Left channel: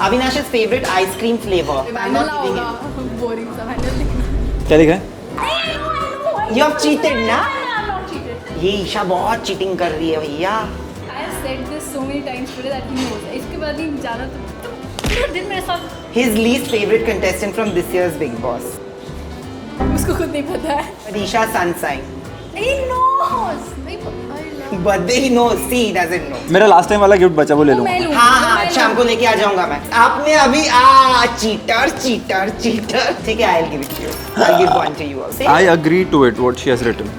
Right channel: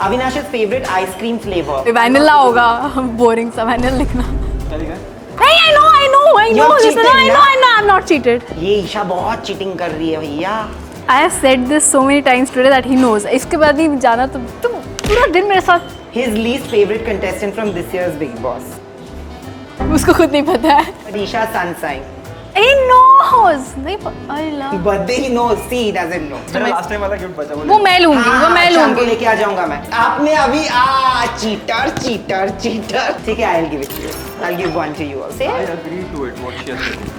Avinaash's favorite ice cream flavor. Vanilla होगा boring सा vanilla लिखना क्या लिखा है? I know You have cheated, ना? I'm not cheated ये ईशा बहुत चीटिंग कर रही है भैया. I have said this so many times today that he knows इसके बाद ही जाना तुम पूरा दिन मेरे साथ His least favorite contestant from this year's Big Boss. उसको खुद नहीं पता है But Isha sun sign. he knows नहीं I love Birthday he knows. See, he doesn't know. मेरा लास्ट टाइम वाला गिफ्ट बचा वो ले वो लो. मैं लूंगी हाँ वो हाँ मैं शाम को लूंगी लेके आ जाऊंगा मैं. आपने अभी चीटर. ठीक है, I'll give it to you. I'll give one to you also. I agree to it what she has written.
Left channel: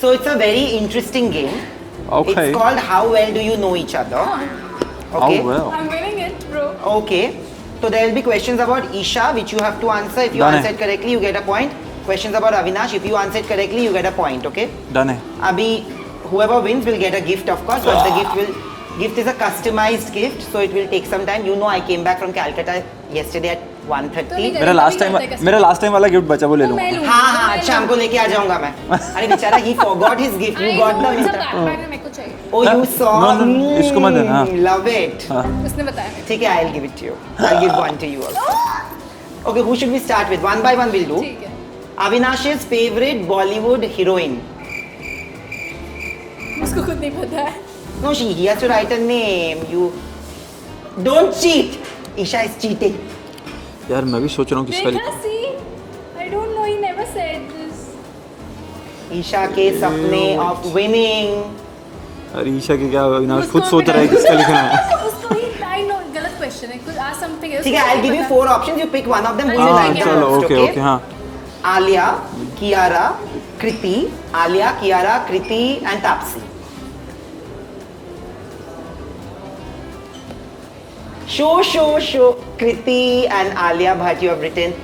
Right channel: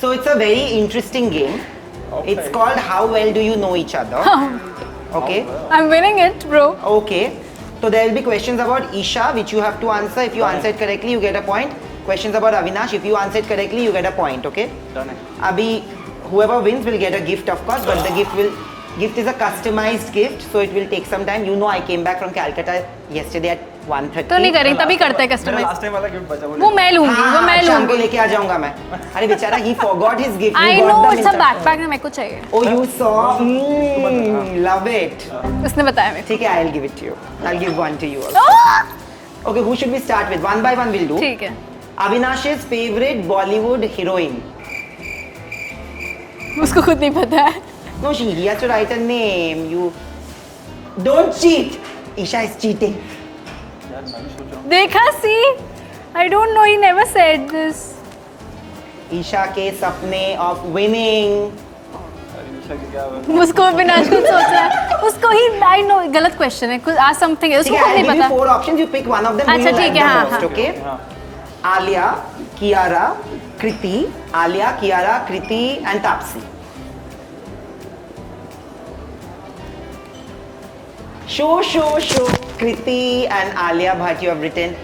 So it's a very interesting game. Okay. It's called How Well Do You Know Each Other. Okay. Oh, well. I'm winning it bro Okay. So there will be questions about Isha which you have to answer. If you Done. answer it correctly, you get a point. Questions about Avinash. If you answer it correctly, you get a point. Okay. Done है. Abhi, whoever wins will get a gift, of course. But the gift is a customized gift, so it will take some time. You know, I came back from Calcutta yesterday at 1:30. तो नहीं मेरा करें तभी करते हैं मेरा customer last time वाला gift बचा वो ले वो लो. मैं लूंगी वो हाँ मैं शाम को लूंगी लेके आ जाऊंगा मैं. अरे बेचारा, he forgot his gift. I You got know the it's a Mr. backpack ना मेरे को चाहिए Oh, you saw. No, इसको मत देना, हाँ. Love it. उसने बताया मेरे ठीक है, I'll give it to you. I'll give one to you also. Okay, who should we start with? One by one we'll do. ठीक है Avinash's favorite Bollywood heroine. उसको खुद नहीं पता है No, he has to write a name. You don't cheat. Isha is cheating. यार मैं भी सोच रहा हूँ किसका देखा सी I don't know he never said this Isha के सपने of winning. लिखूं. अरे ईशा की क्या ना उसको खुद सोच रहा है किसका लिखना है. उसको ही I know गलत क्वेश्चन है कुछ ask something else ठीक है, I'll give you 4 options. You pick one of them. Who you अच्छा, like ठीक the है, most? Okay Okay. ओके हाँ. Alia, Kiara, Kriti. Alia, Kiara, Kriti, and Tapsi. Show. Kriti and Alia Bhatt, you have written.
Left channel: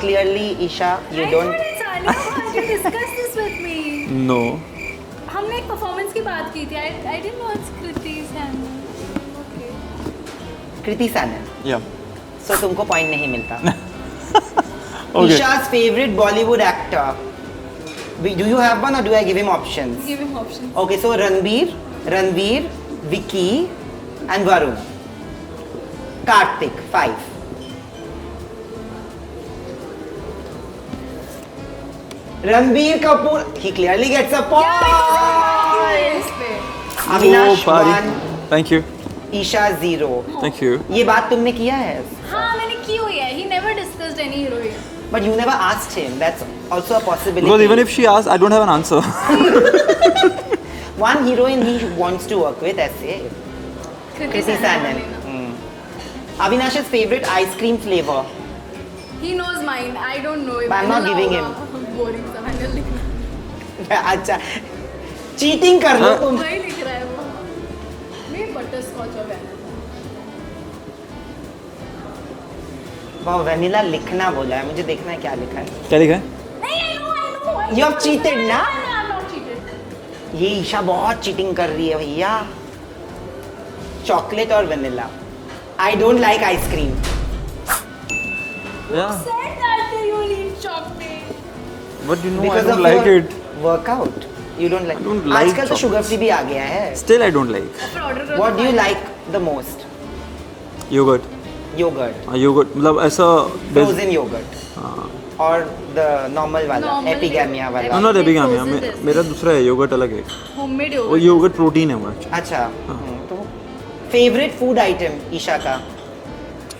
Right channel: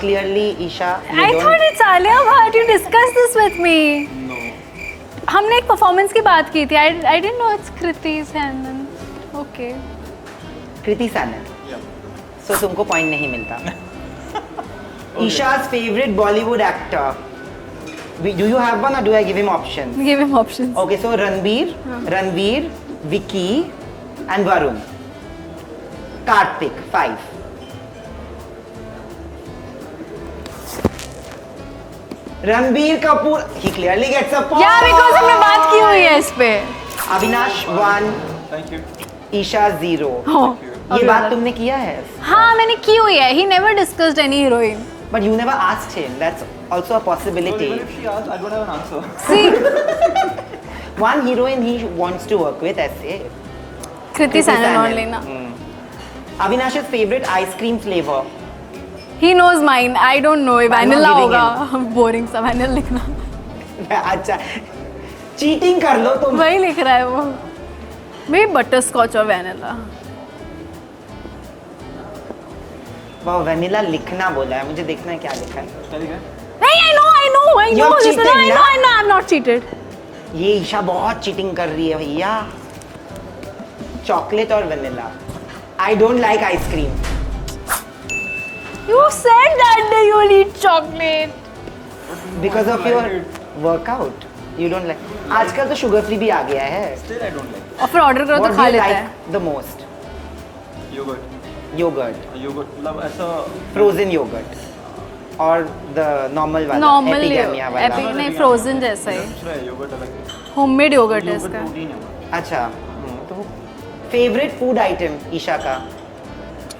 Clearly, Isha, you I don't. thought it's Alia Bhatt you discussed this with me No. हमने एक performance की बात की थी I didn't know it's Kriti Sanon okay Kriti Sanon. Yeah. So तुमको point नहीं मिलता. Okay. Isha's favorite Bollywood actor. Do you have one or do I give him options? give him options Okay, so Ranveer, Vicky, and Varun. Karthik, 5. Ranbir Kapoor, he clearly gets a point. yeah because हमने बात की हुई है इस पे Avinash, Oh, buddy. 1. Thank you. Isha, 0. Thank you. ये बात तुमने किया है? हाँ मैंने की हुई है he never discussed any heroine But you never asked him. That's also a possibility. Because even if she asks, I don't have an answer. One heroine he wants to work with, ऐसे. Kriti Kriti Sanon Sanon. only ना Avinash's favorite ice cream flavor. he knows mine I don't know But I'm not vanilla giving होगा boring सा vanilla लिखना अच्छा, cheating कर लो तुम. वही लिख रहा है वो मे बटर स्कॉच और वैनिला वाह, वेनिला लिखना बोला है. मुझे देखना है क्या लिखा है. क्या लिखा है? नहीं I know You have cheated, ना? I'm not cheated ये ईशा बहुत चीटिंग कर रही है भैया. चॉकलेट और vanilla. I don't like ice cream. you said that you will eat chocolate But you know, because I of don't like your it. Workout. You don't like. don't like आजकल तो sugar free भी आ गया है. Still I don't like. और फिर order करो what तो do खा यू लेता लाइक है the most? Yogurt. Yogurt. Yogurt मतलब ऐसा. फ्रोजन योगर्ट और द नॉर्मल वाला Normal एपिगेमिया yo- वाला. I'm not नहीं, epic frozen मैं जैसा मेरा ही। दूसरा है yogurt अलग है. होममेड वो योगर्ट yogurt प्रोटीन है हमारा. अच्छा. तो फेवरेट फूड आइटम ईशा का.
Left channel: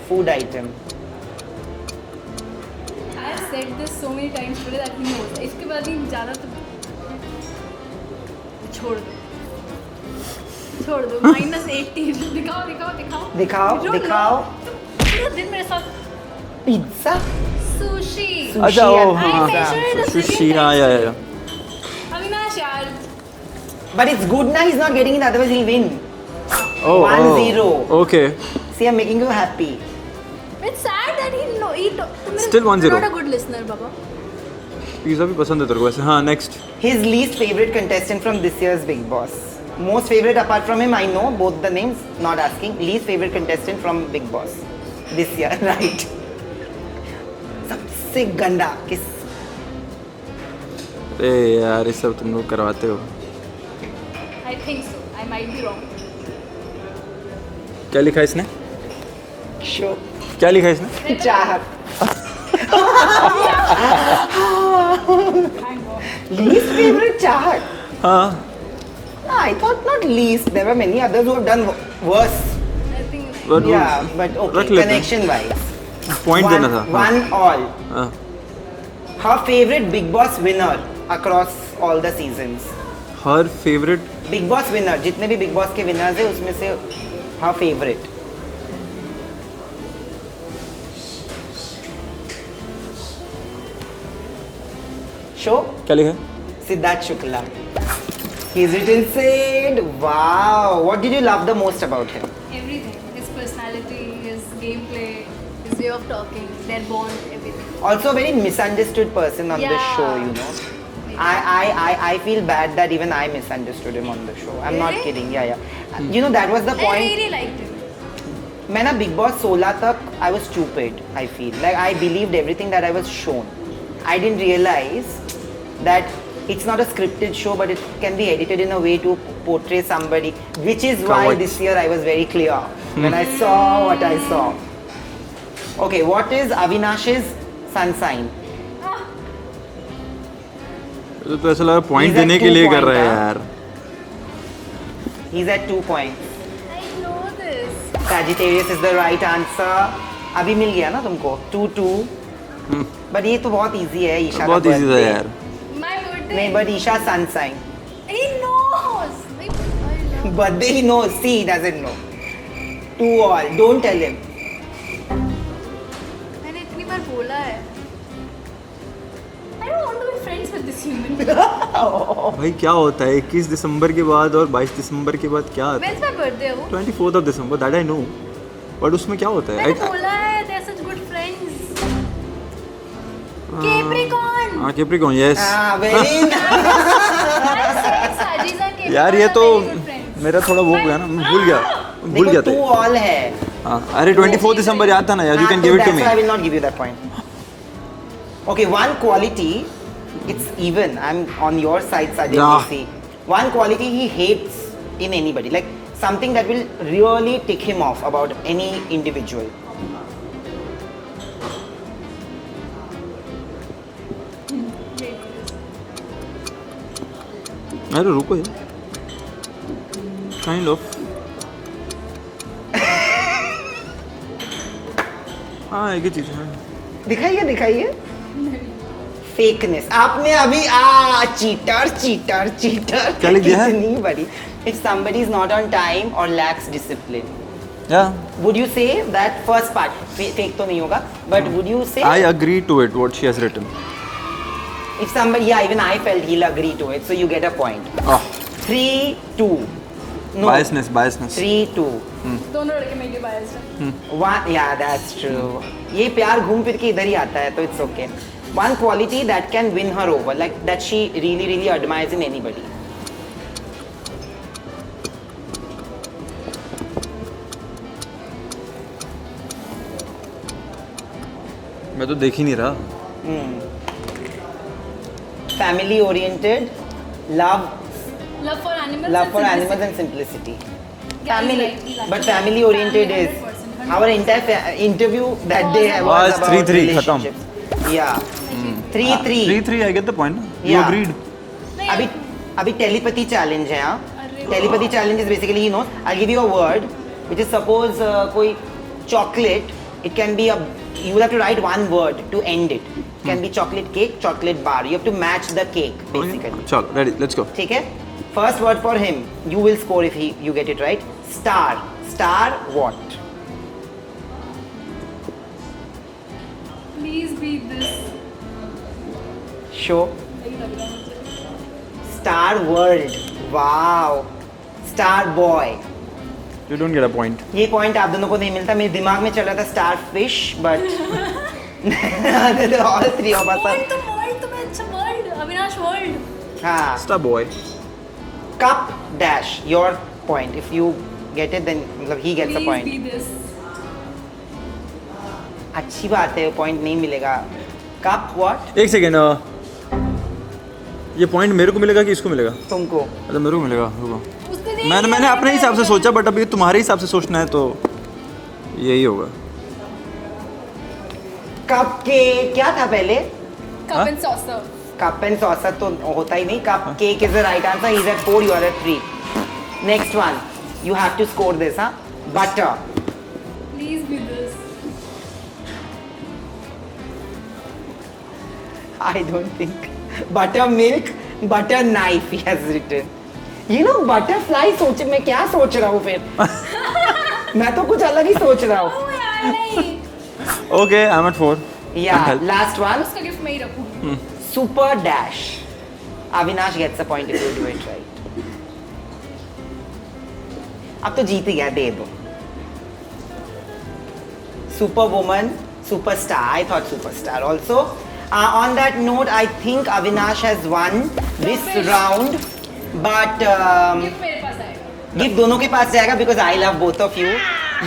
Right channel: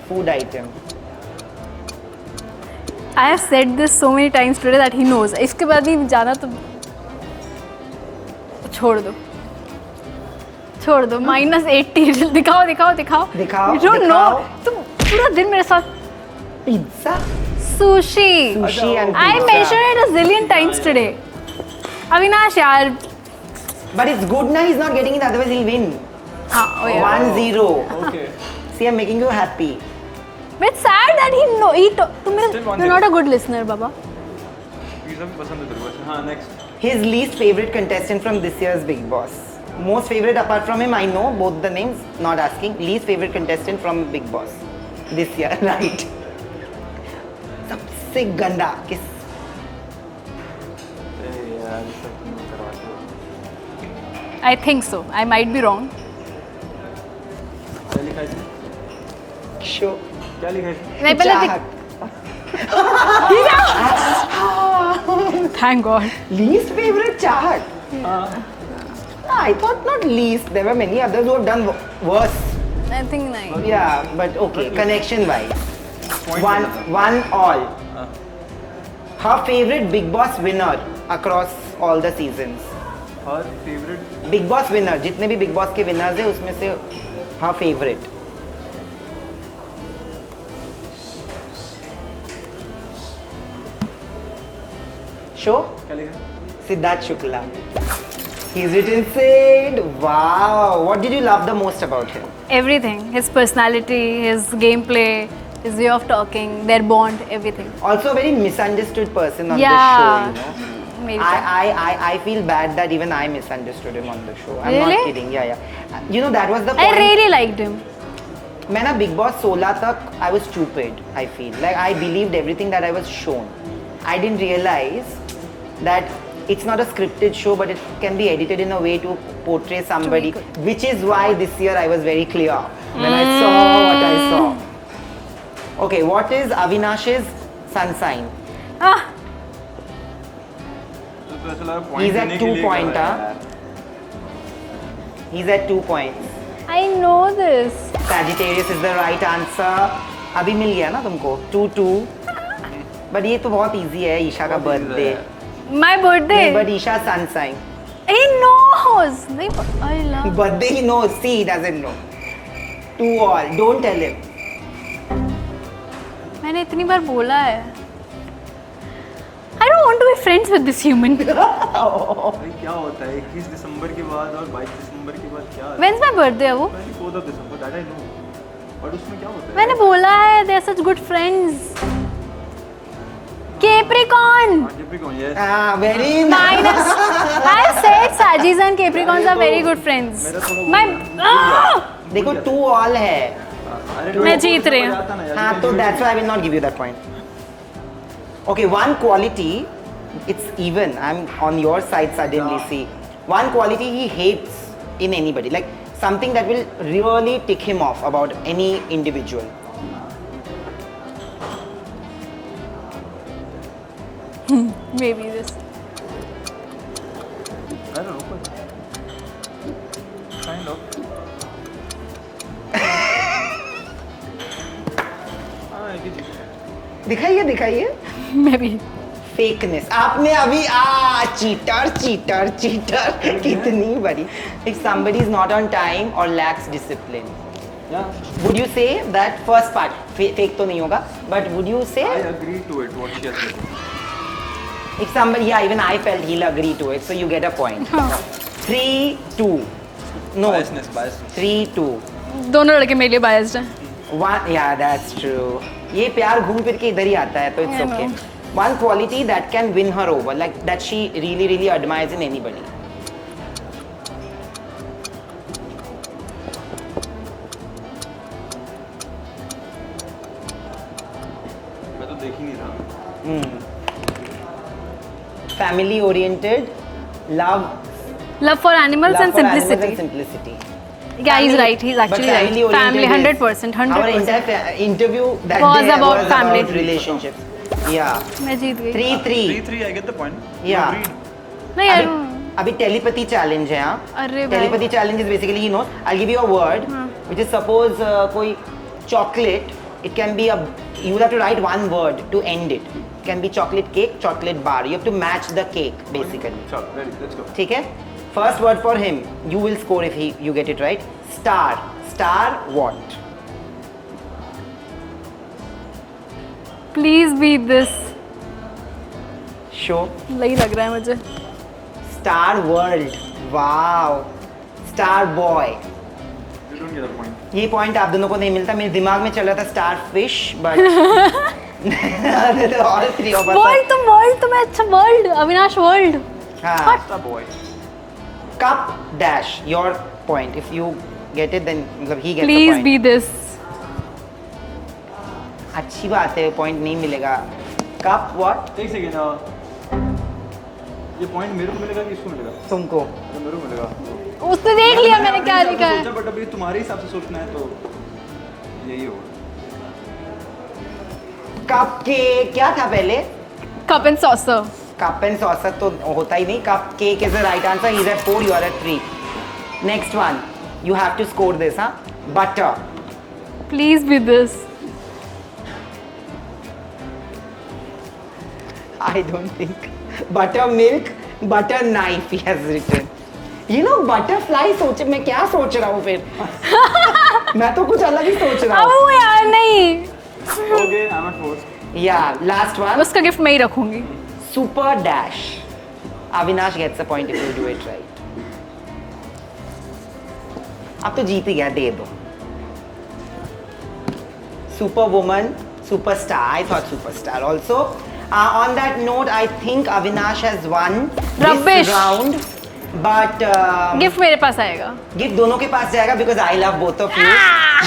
Food item. I have said this so many times today that he knows इसके बाद ही जाना तो छोड़ दो -80 दिखाओ दिखाओ, You don't दिखाओ. know, तुम पूरा दिन मेरे साथ pizza. sushi Sushi and I pizza. mentioned it a zillion Sushi, times yeah, today yeah. Avinash यार But it's good ना, he's not getting it, otherwise he'll win. Oh, 1-0. Okay. See, I'm making you happy. it's sad that he know Still 1-0. you're not a good listener Baba pizza भी पसंद है तेरे को वैसे. हाँ next. His least favorite contestant from this year's Big Boss. Most favorite apart from him, I know both the names, not asking. Least favorite contestant from Big Boss this year, right? सबसे गंदा किस? ए यार ये सब तुम लोग करवाते हो. I think so I might be wrong क्या लिखा है इसने? शो क्या लिखा है इसने? नहीं पहले चाहत थैंक गॉड least favorite चाहत. हाँ. I thought not least. There were many others who have done worse. I think नहीं But Yeah, but okay. रख लेते हैं. Connection wise, Point one देना था. one all. हाँ. Her favorite Big Boss winner across all the seasons. Her favorite. Big Boss winner, जितने भी Big Boss के winners हैं उसमें से her favorite. Show क्या लिखा है? Siddharth Shukla. He's written said, wow. What did you love the most about him? everything, his personality, his gameplay, his way of talking, their bond, everything. Also a very misunderstood person on the Yeah. show, you know. Maybe. I feel bad that even I misunderstood him on the show. I'm not Really? kidding. Yeah. You know that was the I point. really liked him. मैं ना Big Boss 16 तक I was stupid. I feel like I believed everything that I was shown. I didn't realize that it's not a scripted show, but it can be edited in a way to portray somebody, which is why this year I was very clear when I saw what I saw. Okay, what is Avinash's sun sign? Ah, तो ऐसा लगा point He's at देने के लिए कर 2 रहा है point, यार. He's at 2 points. I know this. Sagittarius is the right answer. अभी मिल गया ना तुमको 2-2. But ये तो बहुत easy है ईशा का बहुत easy था birthday. यार. My birthday. नहीं, but Isha sun sign. He knows. नहीं, I love. Birthday he knows. See, he doesn't know. 2 all. Don't tell him. मैंने इतनी बार बोला है. I don't want to be friends with this human. भाई क्या होता है 21 दिसंबर के बाद और 22 दिसंबर के बाद क्या? When's my birthday है वो? 24th of December, that I know. But उसमें क्या होता है? मैंने बोला है they are such good friends. Capricorn. हाँ Capricorn, yes. Very nice. I said Sagittarius and यार Capricorn ये are तो very good friends. मेरा थोड़ा वो गया ना, भूल गया. भूल देखो गया 2 था. all है. हाँ, अरे मैं 24 जीत दिसंबर रही हूँ. आता ना यार, you हाँ, can तो give it to that's why I me. will not give you that point. Okay, one quality. It's even. I'm on your side suddenly. Nah. See, one quality he hates in anybody, like something that will really tick him off about any individual. Maybe this. अरे रुको यार. Kind of. हाँ एक ही चीज़ है. दिखाइए दिखाइए. Maybe. Fakeness आपने अभी चीटर चीटर चीटर क्या लिख दिया है? कितनी बड़ी. If somebody is not on time or lacks discipline, Yeah. would you say that first part fake तो नहीं होगा, but would you say I agree to it what she has written. if somebody, yeah, even I felt he'll agree to it, so you get a point. 3-2. No, Biasness. 3-2. दोनों लड़के मेरे लिए biased हैं. 1, yeah, that's true. ये प्यार घूम फिर के इधर ही आता है, तो it's okay. One quality that can win her over, like that she really really admires in anybody. मैं तो देख ही नहीं रहा. Family oriented, love Love for animals love and for animals and simplicity. simplicity. Yeah, he's right. He's actually but family right. oriented Family, is 100%. 100%. our entire interview that Was day about was family. about 3-3 relationships. Yeah, मैं जीत गई. 3-3. 3-3 I get the point. You Yeah. agreed. नहीं अभी यार. अभी telepathy challenge है हाँ. अरे Telepathy challenge is basically, you know, I'll give you a word, which is suppose कोई chocolate. It can be you will have to write one word to end it. It can be chocolate cake, chocolate bar. You have to match the cake basically. चल, ready, let's go. ठीक है? First word for him. You will score if you get it right. Star. Star what? Please beat this. Show. नहीं लग रहा है मुझे. Star World. Wow. Star Boy. You don't get a point. ये point आप दोनों को नहीं मिलता. मेरे दिमाग में चल रहा था star fish, but all three of World अस. तो मैं अच्छा world. अविनाश world. हाँ. Star boy. Cup dash. Your point. If you get it, then मतलब he gets a Please point. be this. अच्छी बात है. पॉइंट नहीं मिलेगा. Cup what? एक सेकेंड. ये पॉइंट मेरे को मिलेगा कि इसको मिलेगा? तुमको। अच्छा मेरे को मिलेगा। रुको। उसने देख लिया मैंने अपने क्या हिसाब से लिखा है। सोचा, बट अभी तुम्हारे हिसाब से सोचना है तो यही होगा। कप के क्या था पहले? Cup and saucer. Cup and saucer तो होता ही नहीं। Cupcake is the right answer. He is at 4, you are at 3. Next one, you have to score this. हाँ, butter. Please be this. I don't think. Buttermilk, butter knife, he has written. You know, butterfly सोच, मैं क्या सोच रहा हूँ फिर? मैं तो कुछ अलग ही सोच रहा हूँ. ओ यार नहीं। Okay, I am at 4. Yeah, last one. उसका गिफ्ट मैं ही रखूंगी। Super dash. Avinash gets a point if you do it right. अब तो जीत ही गया, दे दो. Superwoman, superstar. I thought superstar also. On that note, I think Avinash has won this Rubbish. round. But gift मेरे पास आएगा। Gift दोनों के पास जाएगा because I love both of you.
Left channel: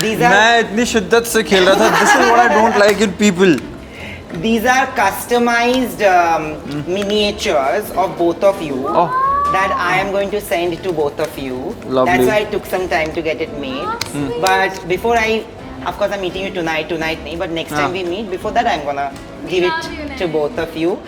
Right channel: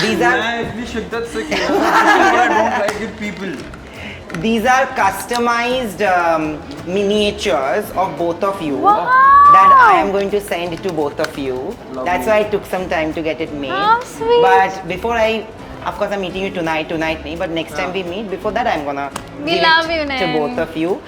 These are मैं इतनी शिद्दत से खेल रहा था. This is what I don't like in people. these are customized miniatures of both of you that I am going to send to both of you. Lovely. That's why it took some time to get it made. How sweet. But before of course I'm meeting you tonight nahi, but next time we meet, before that I'm gonna We give love it you, to Nan. both of you.